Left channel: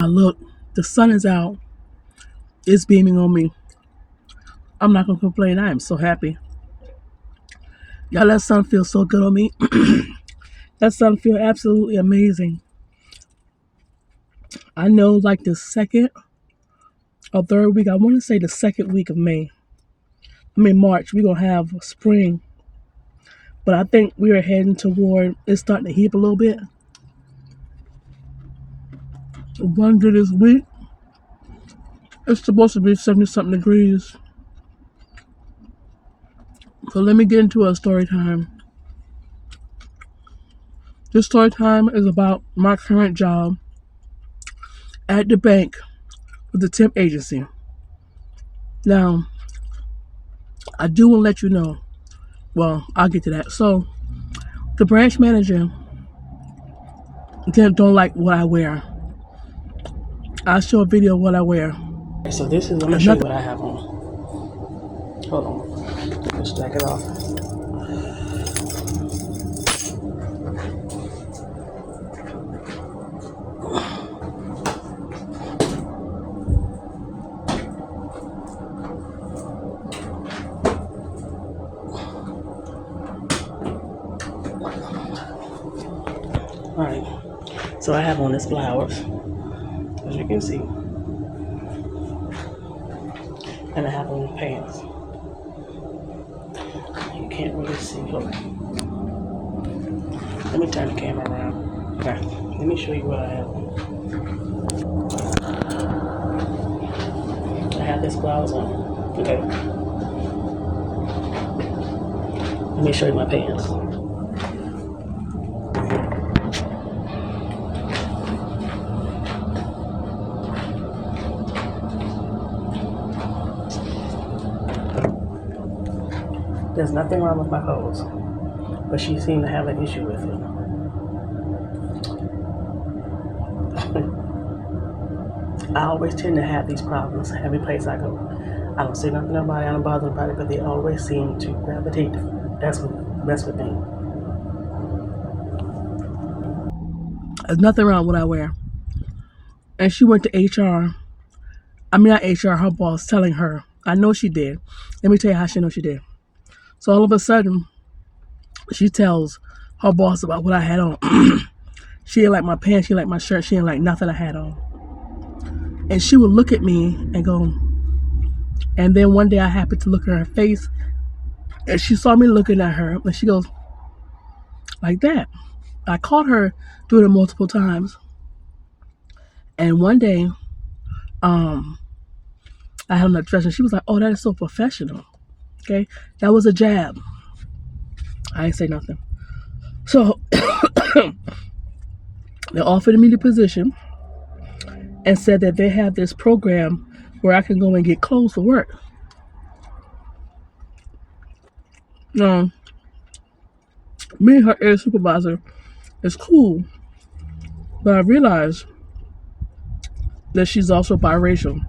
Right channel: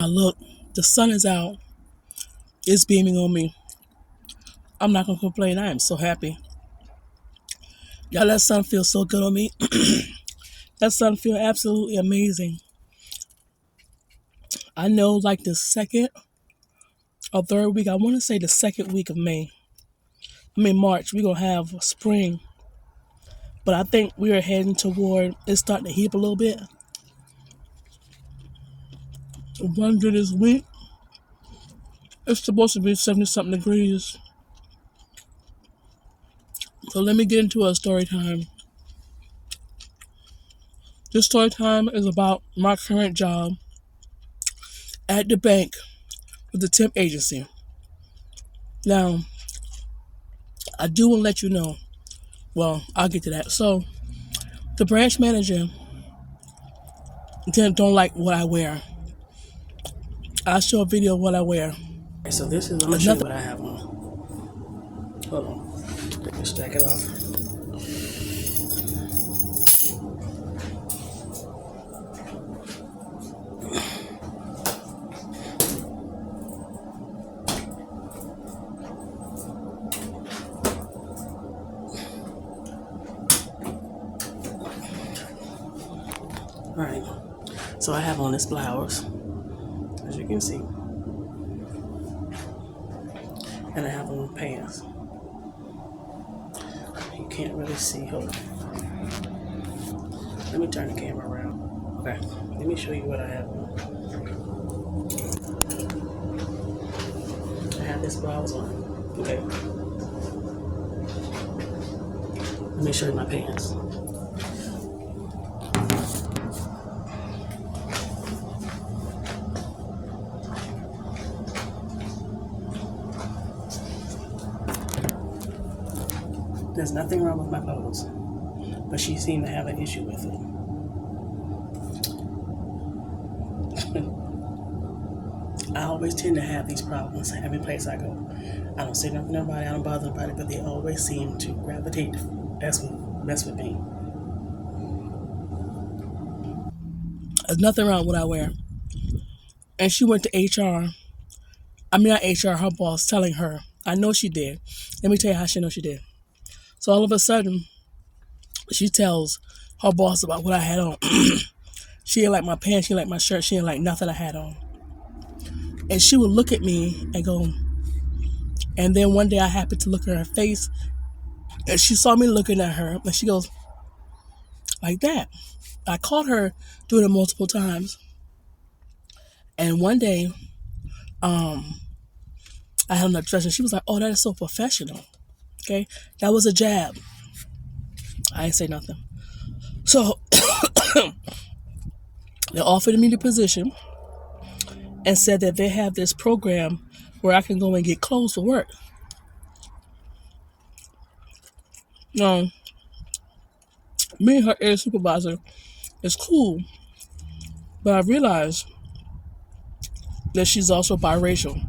Look, the sun is out. It's beaming on me. I'm not gonna complain. I am so happy. Y'all, that sun feels so good on me. That sun feels absolutely amazing. I know like the second or third week, I want to say the second week of March, we're gonna have spring. But I think we are heading toward it's starting to heat up a little bit. One good this week. It's supposed to be 70 something degrees. So let me get into a story time. This story time is about my current job at the bank with the temp agency. Now, I do want to let you know. Well, I'll get to that. So, the branch manager don't like what I wear. I'll show a video of what I wear. So this is, I'm going to show you what I have on. Hold on. Let's jack it off. Alright, so I have on this blouse, as you can see, and I have on pants. You can't really see. Hold on. Let me turn the camera around. Okay, let me show you what I have on. I have this blouse on. Okay. Let me show you my pants. There's nothing wrong with my clothes, but she seemed to have an issue with it. I always tend to have these problems every place I go. I don't say nothing to nobody, I don't bother nobody, but they always seem to gravitate. That's what mess with me. There's nothing wrong with what I wear. And she went to HR. I mean, not HR, her boss, telling her. I know she did. Let me tell you how she knows she did. So all of a sudden, she tells her boss about what I had on. She didn't like my pants, she didn't like my shirt, she didn't like nothing I had on. And she would look at me and go, and then one day I happened to look at her face, and she saw me looking at her, and she goes, like that. I caught her doing it multiple times. And one day, I had on a dress, and she was like, oh, that is so professional. Okay, that was a jab. I ain't say nothing. So they offered me the position and said that they have this program where I can go and get clothes for work. Now, me and her area supervisor is cool, but I realized that she's also biracial.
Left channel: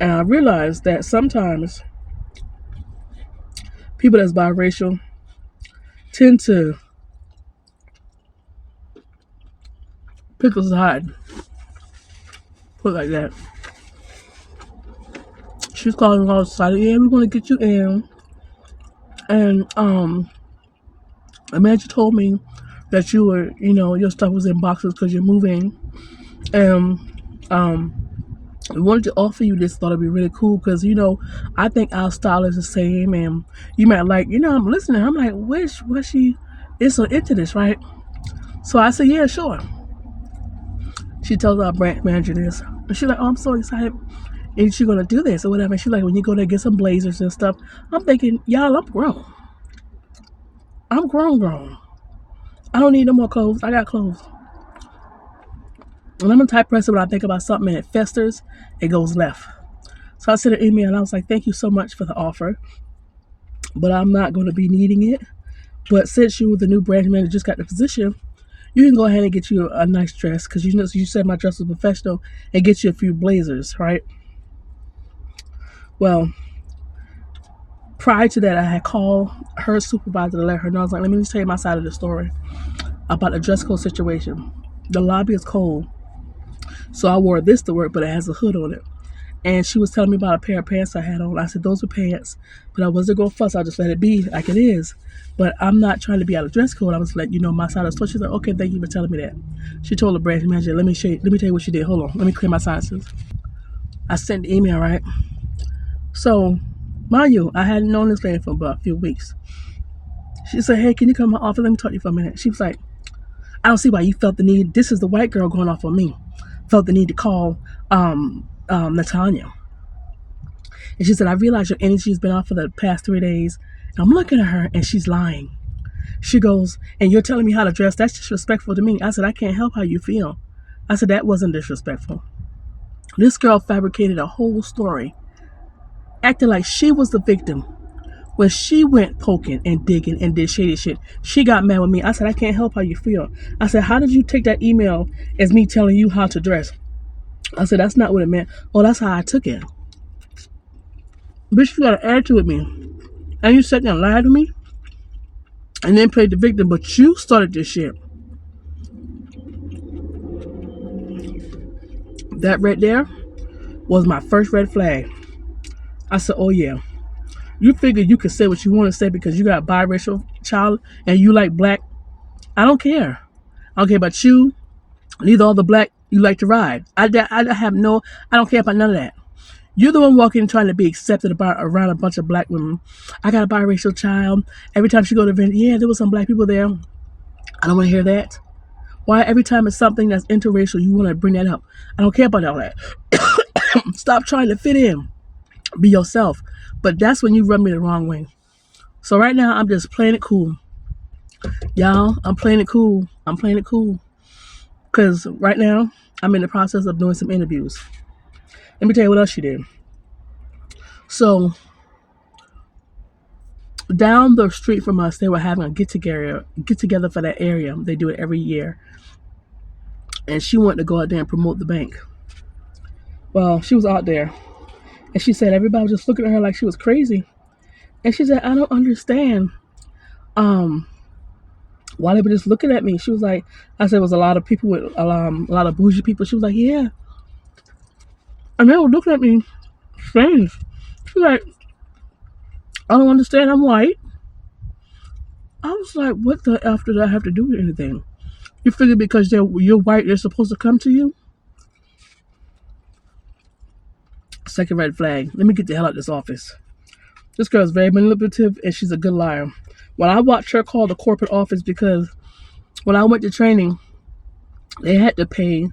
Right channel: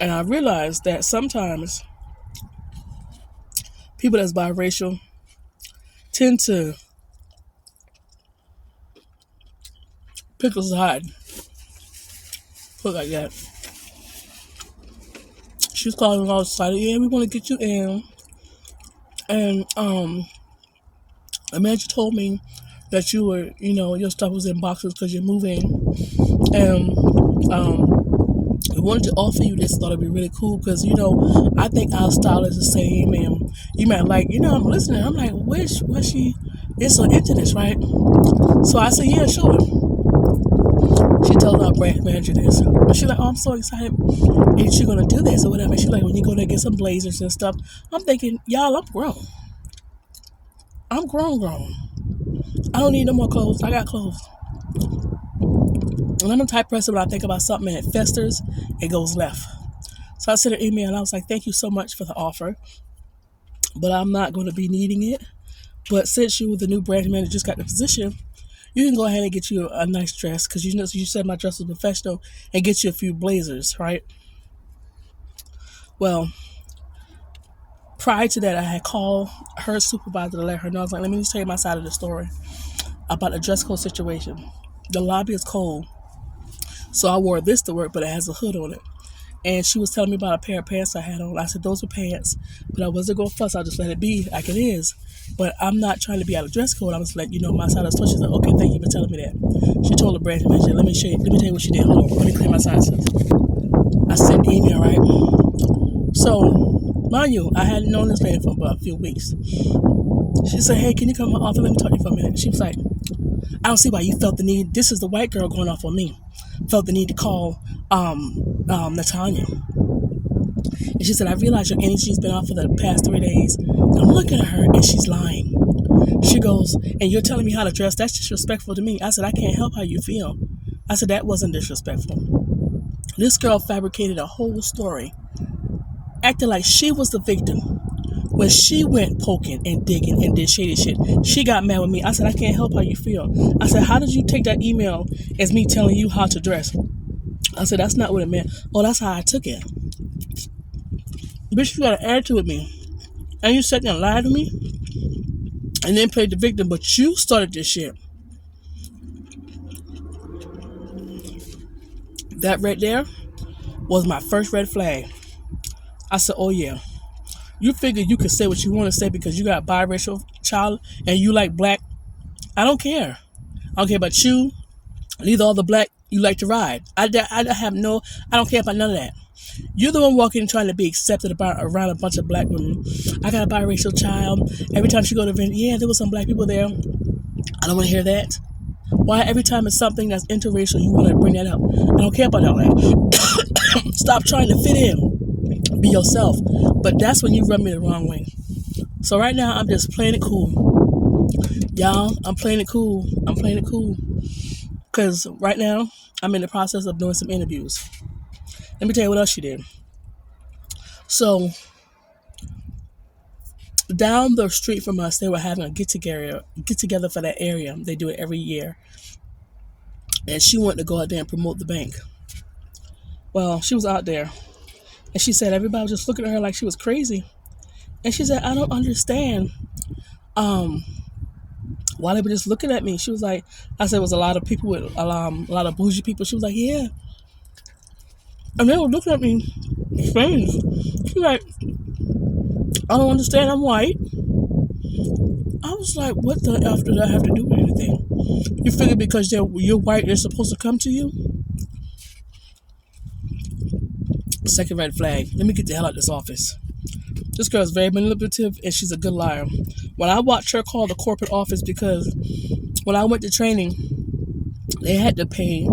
And I realized that sometimes people that's biracial tend to pick us hard. Put it like that. She's calling all excited. Yeah, we want to get you in. And a manager told me that you were, your stuff was in boxes because you're moving. And we wanted to offer you this. Thought it'd be really cool because, I think our style is the same. And you might like, I'm listening. I'm like, wish she is so into this, right? So I said, yeah, sure. She told our branch manager this. And she's like, oh, I'm so excited. And she's going to do this or whatever. And she's like, when you go there, get some blazers and stuff. I'm thinking, y'all, I'm grown. I'm grown. I don't need no more clothes. I got clothes. And I'm the type of person when I think about something and it festers, it goes left. So I sent an email and I was like, thank you so much for the offer, but I'm not going to be needing it. But since you, the new branch manager, just got the position, you can go ahead and get you a nice dress because you said my dress was professional and get you a few blazers, right? Well, prior to that, I had called her supervisor to let her know. I was like, let me just tell you my side of the story about the dress code situation. The lobby is cold. So I wore this to work, but it has a hood on it. And she was telling me about a pair of pants I had on. I said, those were pants. But I wasn't going to fuss. I just let it be like it is. But I'm not trying to be out of dress code. I was like, my side of the store. She's like, okay, thank you for telling me that. She told the branch manager, let me tell you what she did. Hold on. Let me clear my sinuses. I sent an email, right? So, mind you, I hadn't known this lady for about a few weeks. She said, hey, can you come to my office? Let me talk to you for a minute. She was like, I don't see why you felt the need. This is the white girl going off on me. Felt the need to call Natanya. And she said, I realize your energy's been off for the past 3 days. I'm looking at her and she's lying. She goes, and you're telling me how to dress? That's disrespectful to me. I said, I can't help how you feel. I said, that wasn't disrespectful. This girl fabricated a whole story, acting like she was the victim. When she went poking and digging and did shady shit, she got mad with me. I said, I can't help how you feel. I said, how did you take that email as me telling you how to dress? I said, that's not what it meant. Oh, that's how I took it. Bitch, you got an attitude with me. And you sat there and lied to me and then played the victim, but you started this shit. That right there was my first red flag. I said, oh yeah. You figure you can say what you want to say because you got a biracial child and you like black. I don't care. I don't care about you. Neither all the black you like to ride. I don't care about none of that. You're the one walking trying to be accepted around a bunch of black women. I got a biracial child. Every time she go to an event, yeah, there was some black people there. I don't want to hear that. Why every time it's something that's interracial, you want to bring that up? I don't care about all that. Stop trying to fit in. Be yourself. But that's when you rub me the wrong way. So right now, I'm just playing it cool. Y'all, I'm playing it cool. I'm playing it cool. Because right now, I'm in the process of doing some interviews. Let me tell you what else she did. So, down the street from us, they were having a get together for that area. They do it every year. And she wanted to go out there and promote the bank. Well, she was out there. And she said everybody was just looking at her like she was crazy. And she said, I don't understand why they were just looking at me. She was like, I said it was a lot of people with a lot of bougie people. She was like, yeah. And they were looking at me strange. She was like, I don't understand, I'm white. I was like, what the F did I have to do with anything? You figure because you're white, they're supposed to come to you? Second red flag. Let me get the hell out of this office. This girl is very manipulative and she's a good liar. When I watched her call the corporate office, because when I went to training, they had to pay,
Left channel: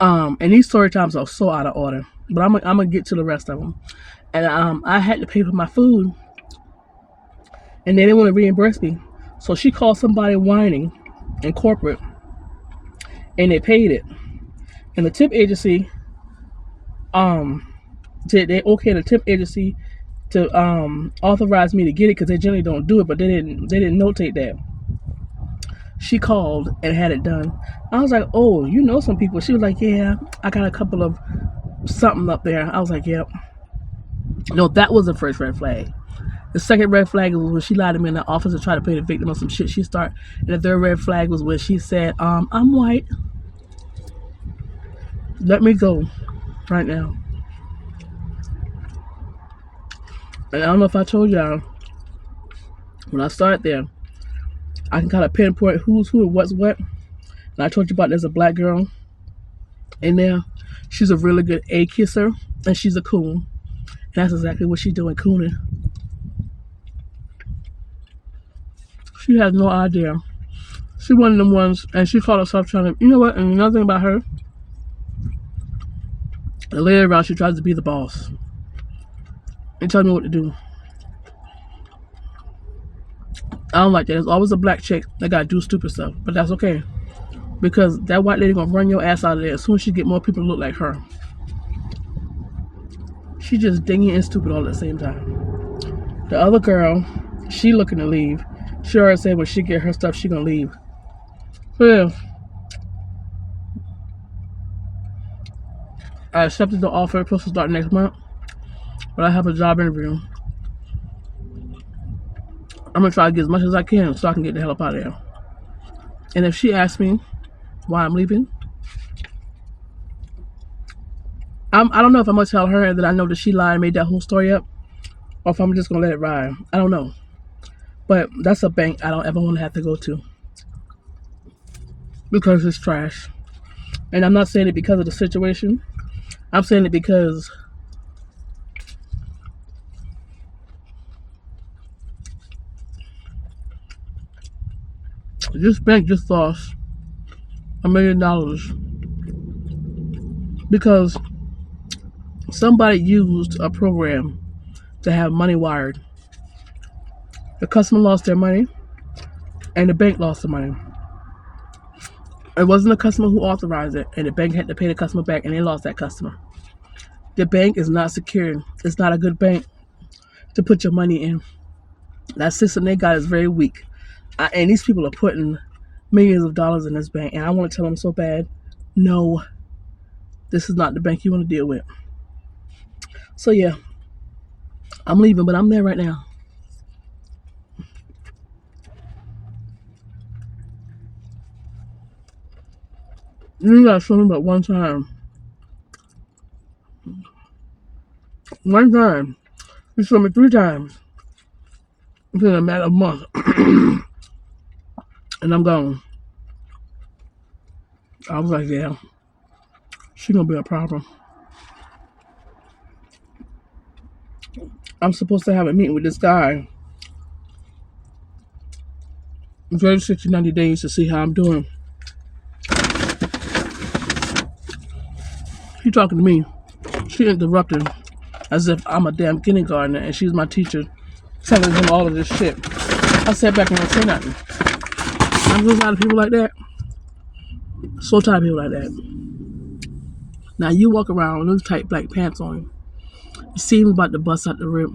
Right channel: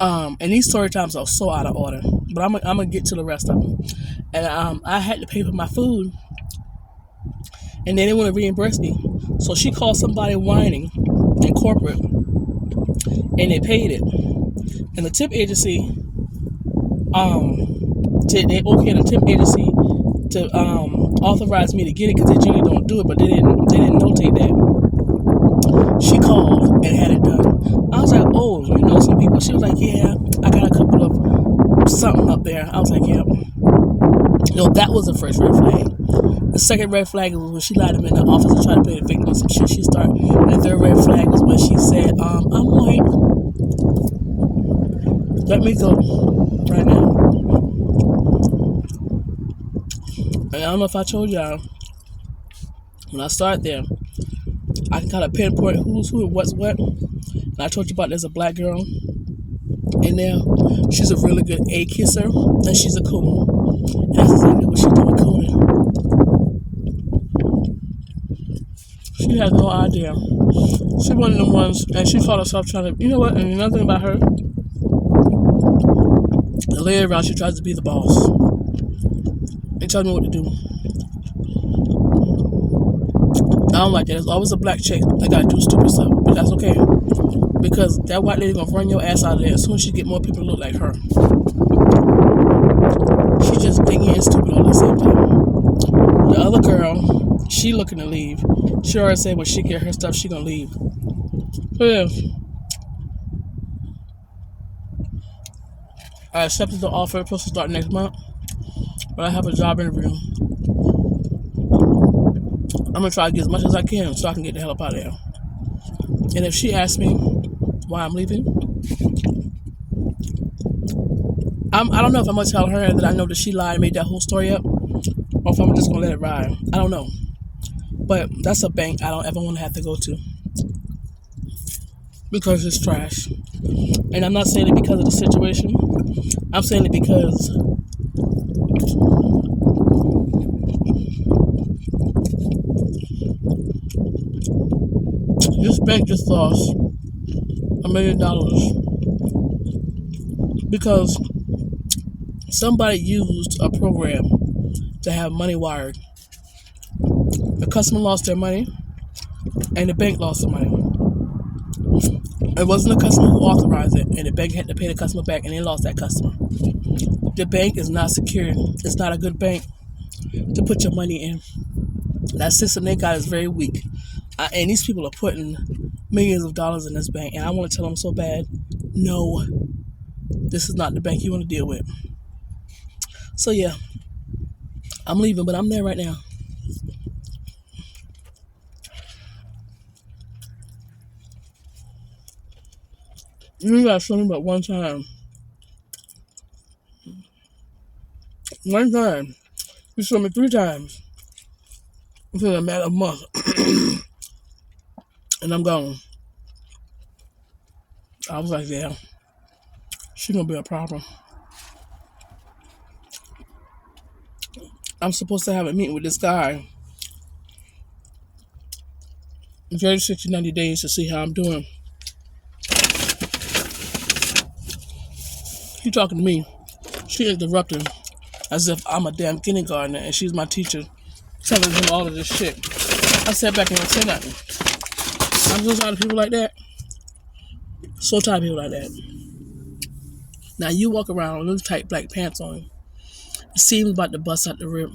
and these story times are so out of order, but I'm gonna get to the rest of them. And I had to pay for my food, and they didn't want to reimburse me. So she called somebody whining in corporate, and they paid it. And the tip agency, they okayed the tip agency to authorize me to get it, because they generally don't do it, but they didn't notate that. She called and had it done. I was like, oh, you know some people. She was like, yeah, I got a couple of something up there. I was like, yep. No, that was the first red flag. The second red flag was when she lied to me in the office and tried to play the victim on some shit she started. And the third red flag was when she said, I'm white. Let me go right now. And I don't know if I told y'all, when I started there, I can kind of pinpoint who's who and what's what. And I told you about there's a black girl in there. She's a really good A kisser, and she's a coon. And that's exactly what she's doing, cooning. She has no idea. She's one of them ones, and she called herself trying to, you know what, and another thing about her, the lady around, she tries to be the boss. And tell me what to do. I don't like that. There's always a black chick that gotta do stupid stuff, but that's okay, because that white lady gonna run your ass out of there as soon as she get more people to look like her. She just dingy and stupid all at the same time. The other girl, she looking to leave. She already said when she get her stuff, she gonna leave. So yeah, I accepted the offer. Supposed to start next month, but I have a job interview. I'm gonna try to get as much as I can so I can get the hell up out of here. And if she asks me why I'm leaving, I don't know if I'm gonna tell her that I know that she lied and made that whole story up, or if I'm just gonna let it ride. I don't know. But that's a bank I don't ever want to have to go to because it's trash. And I'm not saying it because of the situation. I'm saying it because this bank just lost $1 million because somebody used a program to have money wired. The customer lost their money and the bank lost the money. It wasn't the customer who authorized it, and the bank had to pay the customer back, and they lost that customer. The bank is not secure. It's not a good bank to put your money in. That system they got is very weak. And these people are putting millions of dollars in this bank, and I want to tell them so bad, no, this is not the bank you want to deal with. So yeah, I'm leaving, but I'm there right now. You gotta show me but one time. One time. You showed me 3 times. Within a matter of a month. And I'm gone. I was like, yeah, she gonna be a problem. I'm supposed to have a meeting with this guy in 30, 60, 90 days to see how I'm doing. He talking to me. She interrupting as if I'm a damn kindergartner and she's my teacher, telling him all of this shit. I sat back and I said nothing. I'm so tired of people like that. So tired of people like that. Now you walk around with those tight black pants on. It seems about to bust out the rib.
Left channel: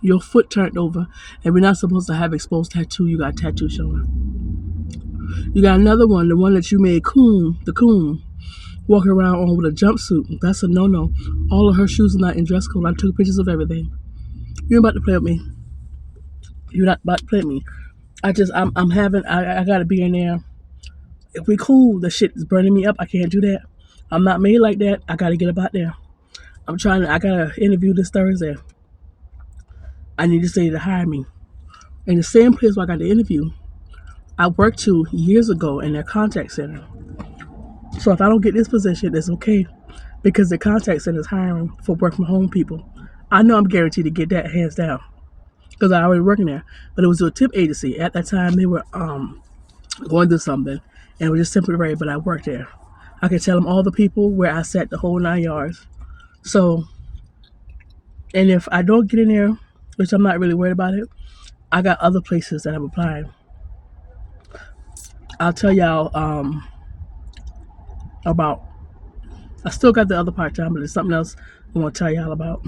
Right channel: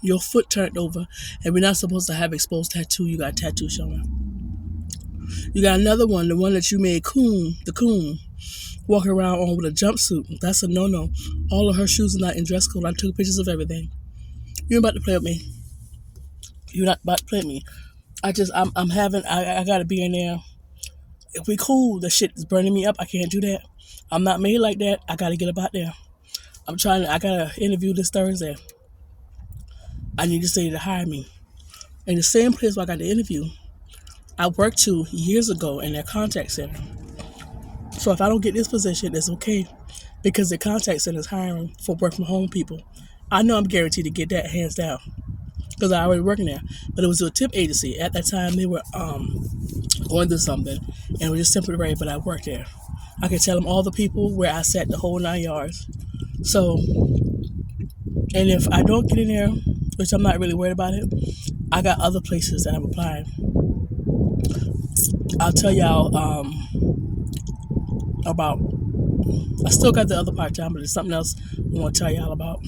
Your foot turned over, and we're not supposed to have exposed tattoo. You got a tattoo showing. You got another one, the one that you made the coon, walking around on with a jumpsuit. That's a no-no. All of her shoes are not in dress code. I took pictures of everything. You're about to play with me. You're not about to play with me. I gotta be in there. If we cool, the shit is burning me up. I can't do that. I'm not made like that. I gotta get up out there. I gotta interview this Thursday. I need to say to hire me. In the same place where I got the interview, I worked 2 years ago in their contact center. So if I don't get this position, it's okay. Because the contact center is hiring for work from home people. I know I'm guaranteed to get that hands down. Because I already working there. But it was a tip agency. At that time, they were going through something. And it was just temporary, but I worked there. I can tell them all the people where I sat the whole 9 yards. So, and if I don't get in there, which I'm not really worried about it, I got other places that I'm applying. I'll tell y'all about, I still got the other part-time, but there's something else I want to tell y'all about.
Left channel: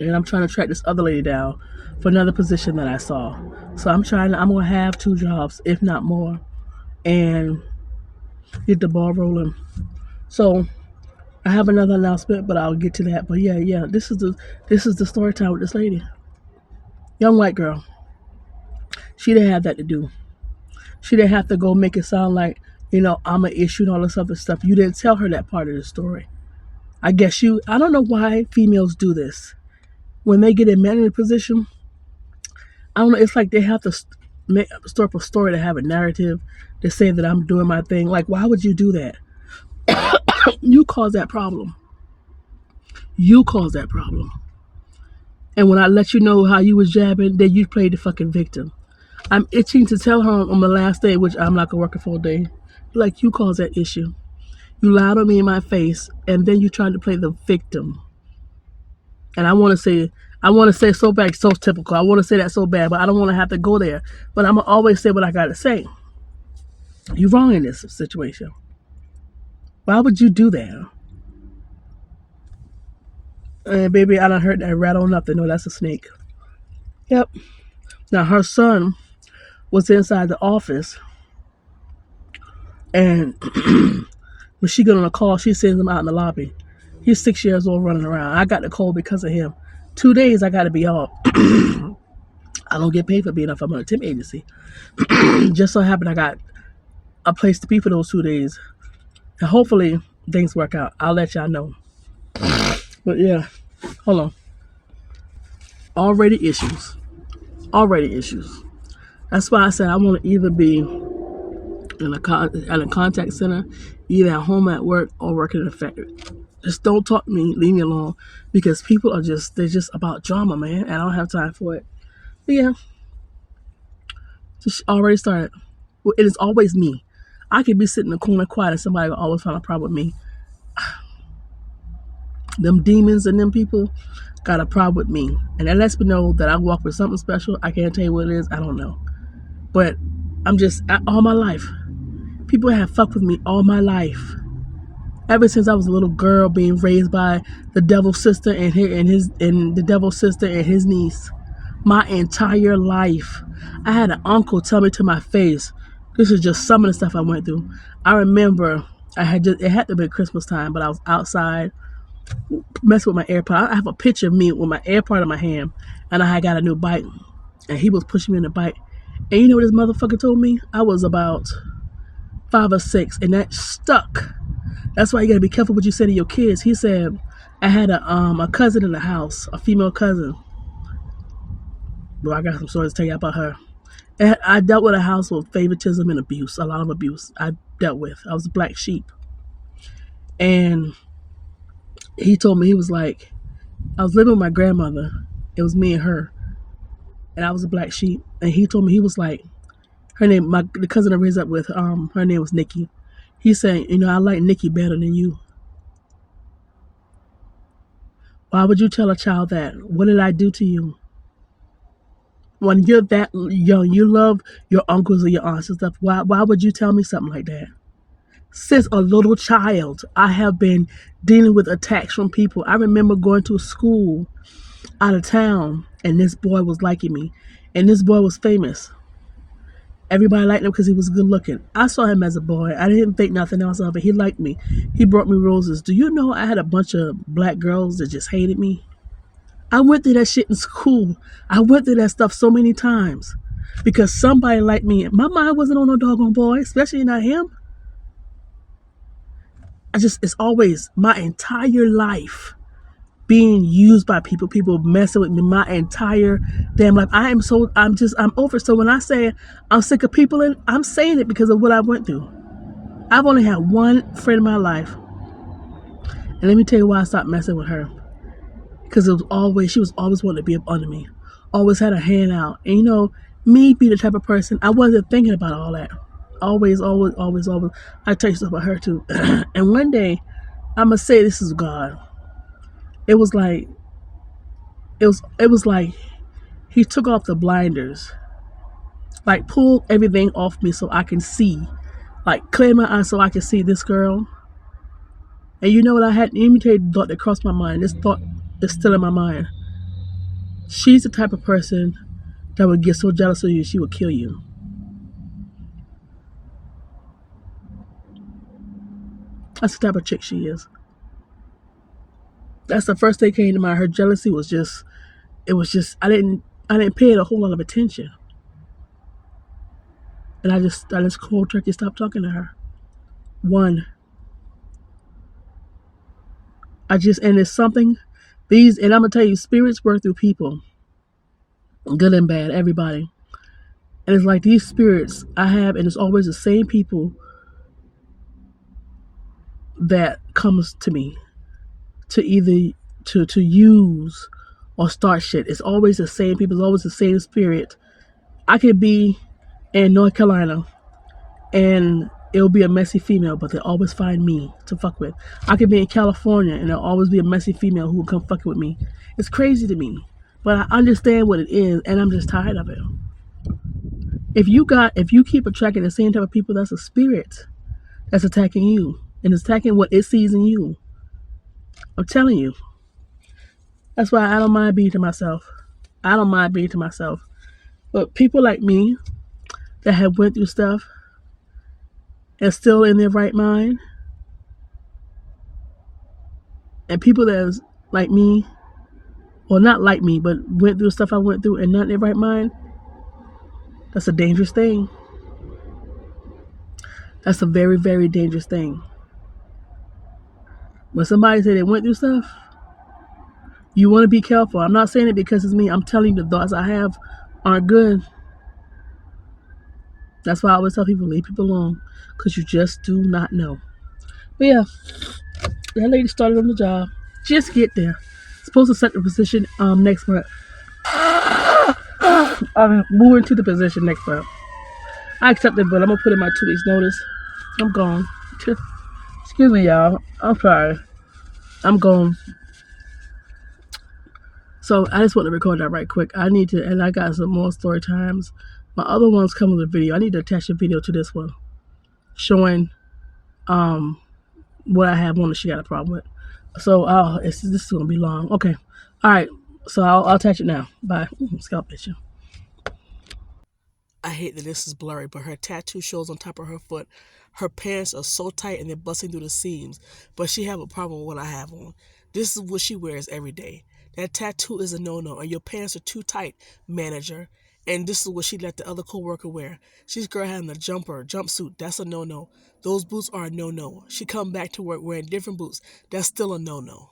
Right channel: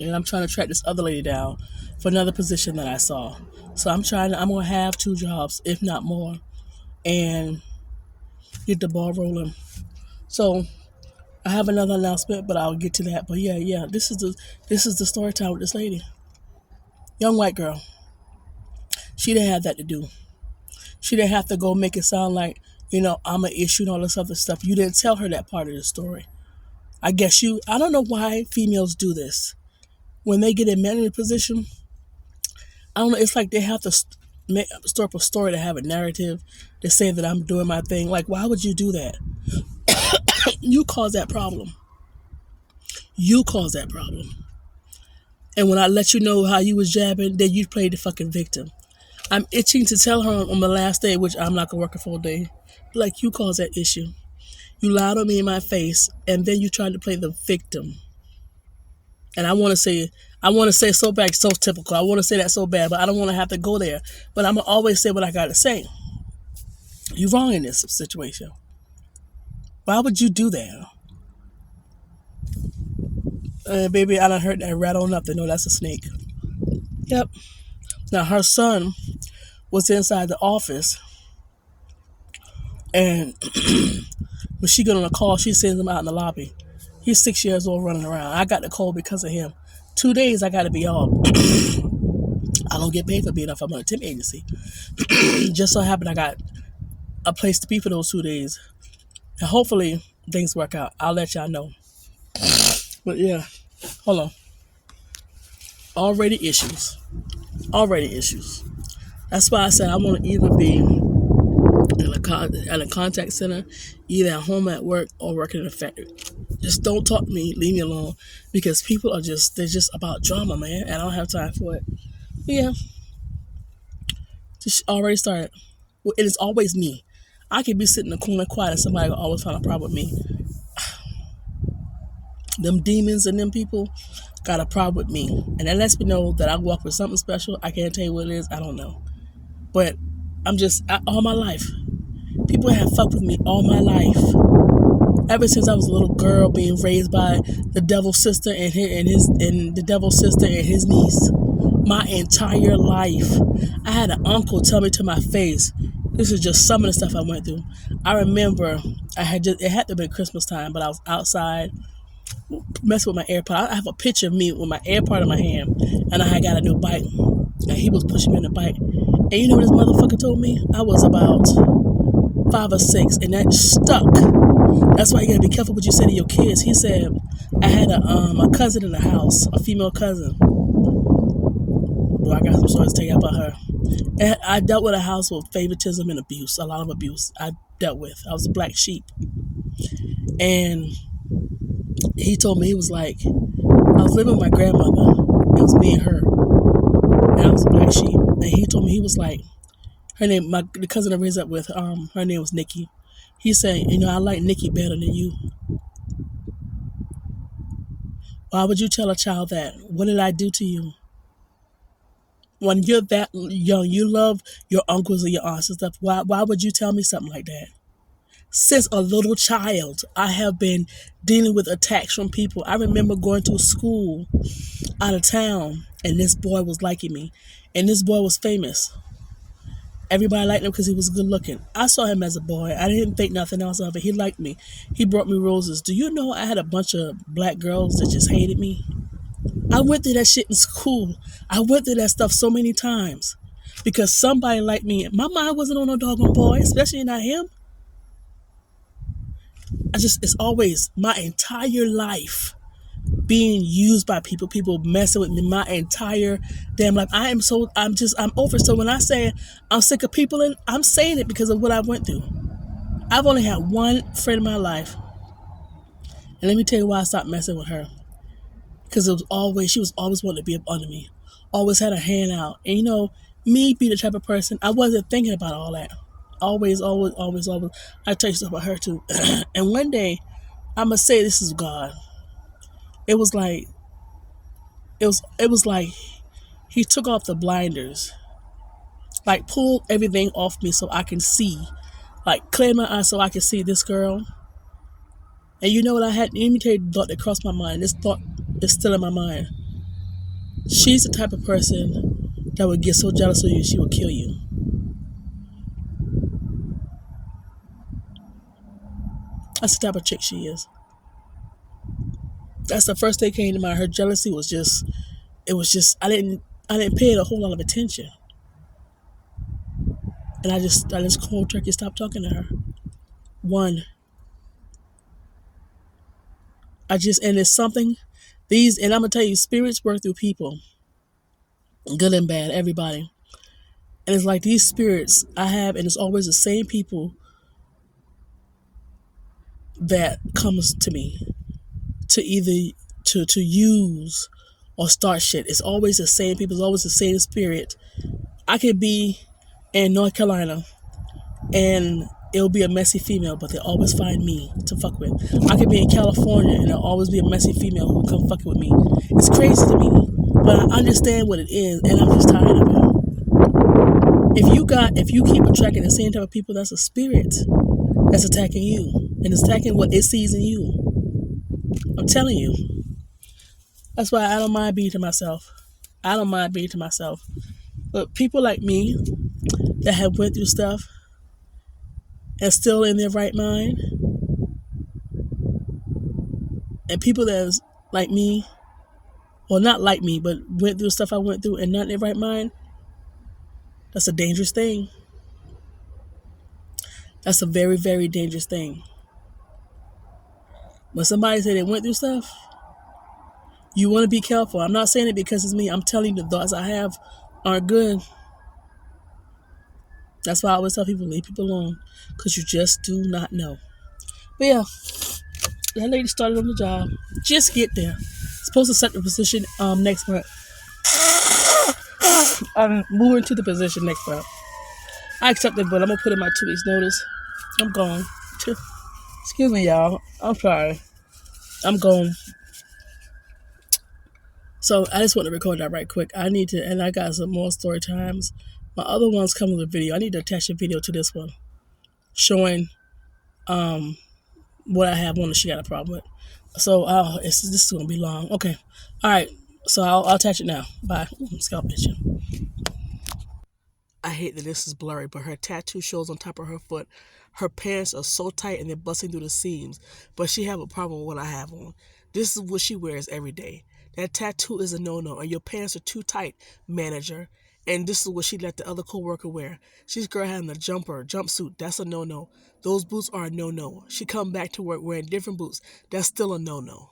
And I'm trying to track this other lady down for another position that I saw. So I'm going to have 2 jobs, if not more, and get the ball rolling. So I have another announcement, but I'll get to that. But yeah, this is the story time with this lady. Young white girl. She didn't have that to do. She didn't have to go make it sound like, I'm an issue and all this other stuff. You didn't tell her that part of the story. I don't know why females do this. When they get in manager position, I don't know, it's like they have to store up a story to have a narrative to say that I'm doing my thing. Like, why would you do that? You cause that problem. You cause that problem. And when I let you know how you was jabbing, then you played the fucking victim. I'm itching to tell her on the last day, which I'm not going to work a full day, like, you caused that issue. You lied on me in my face, and then you tried to play the victim. And I want to say so bad, so typical. I want to say that so bad, but I don't want to have to go there. But I'm going to always say what I got to say. You're wrong in this situation. Why would you do that? And baby, I done heard that rattle nothing. No, that's a snake. Yep. Now, her son was inside the office, and when she got on a call, she sends him out in the lobby. He's 6 years old running around. I got the call because of him. 2 days I got to be off. I don't get paid for being off. I'm on a temp agency. Just so happened I got a place to be for those 2 days. And hopefully things work out. I'll let y'all know. But yeah, hold on. Already issues. Already issues. That's why I said I want to either be at a contact center, either at home, at work, or working in a factory. Just don't talk to me, leave me alone, because people are they're just about drama, man, and I don't have time for it. But yeah, just already started. Well, it is always me. I could be sitting in the corner quiet and somebody will always find a problem with me. Them demons and them people got a problem with me. And that lets me know that I walk with something special. I can't tell you what it is. I don't know. But all my life, people have fucked with me all my life. Ever since I was a little girl being raised by the devil's sister and the devil's sister and his niece. My entire life. I had an uncle tell me to my face. This is just some of the stuff I went through. I remember it had to be Christmas time, but I was outside messing with my AirPod. I have a picture of me with my AirPod in my hand, and I had got a new bike, and he was pushing me in the bike. And you know what this motherfucker told me? I was about 5 or 6, and that stuck. That's why you gotta be careful what you say to your kids. He said, I had a cousin in the house, a female cousin. Well, I got some stories to tell you about her. And I dealt with a house with favoritism and abuse, a lot of abuse I dealt with. I was a black sheep. And he told me, he was like, I was living with my grandmother. It was me and her. And I was a black sheep. And he told me, he was like, her name, the cousin I raised up with, her name was Nikki. He said, I like Nikki better than you. Why would you tell a child that? What did I do to you? When you're that young, you love your uncles or your aunts and stuff. Why would you tell me something like that? Since a little child, I have been dealing with attacks from people. I remember going to a school out of town, and this boy was liking me. And this boy was famous. Everybody liked him because he was good looking. I saw him as a boy. I didn't think nothing else of it. He liked me. He brought me roses. Do you know I had a bunch of black girls that just hated me? I went through that shit in school. I went through that stuff so many times because somebody liked me. My mind wasn't on no doggone boy, especially not him. It's always my entire life being used by people messing with me my entire damn life. I'm over. So when I say I'm sick of people, and I'm saying it because of what I went through. I've only had one friend in my life. And let me tell you why I stopped messing with her. Because she was always wanting to be up under me. Always had a hand out. And me being the type of person, I wasn't thinking about all that. Always. I tell you something about her too. And one day, I'm going to say this is God. It was like he took off the blinders. Like pulled everything off me so I can see. Like clear my eyes so I can see this girl. And you know what I had? Let me tell you the thought that crossed my mind. This thought is still in my mind. She's the type of person that would get so jealous of you, she would kill you. That's the type of chick she is. That's the first thing that came to mind. Her jealousy was just, I didn't pay it a whole lot of attention. And I just cold turkey stopped talking to her. And it's something, and I'm going to tell you, spirits work through people. Good and bad, everybody. And it's like these spirits I have, and it's always the same people that comes to me to either to use or start shit. It's always the same people. It's always the same spirit. I could be in North Carolina and it'll be a messy female, but they'll always find me to fuck with. I could be in California and there'll always be a messy female who come fuck with me. It's crazy to me, but I understand what it is, and I'm just tired of it. If you keep attracting the same type of people, that's a spirit that's attacking you and it's attacking what it sees in you. I'm telling you. That's why I don't mind being to myself. But people like me that have went through stuff and still in their right mind, and people that's like me, or not like me, but went through stuff I went through and not in their right mind, that's a dangerous thing. That's a very, very dangerous thing. When somebody say they went through stuff, you want to be careful. I'm not saying it because it's me. I'm telling you the thoughts I have aren't good. That's why I always tell people, leave people alone, because you just do not know. But yeah, that lady started on the job. Just get there. Supposed to set the position next month. I'm moving to the position next month. I accepted, but I'm gonna put in my 2 weeks notice. I'm gone. Excuse me, y'all. I'm sorry. I'm gone. So I just want to record that right quick. I need to, and I got some more story times. My other ones come with a video. I need to attach a video to this one, showing what I have on that she got a problem with. So this is gonna be long. Okay, all right. So I'll attach it now. Bye. Scalp itching. I hate that this is blurry, but her tattoo shows on top of her foot. Her pants are so tight and they're busting through the seams, but she have a problem with what I have on. This is what she wears every day. That tattoo is a no-no, and your pants are too tight, manager. And this is what she let the other co-worker wear. She's girl having a jumpsuit. That's a no-no. Those boots are a no-no. She come back to work wearing different boots. That's still a no-no.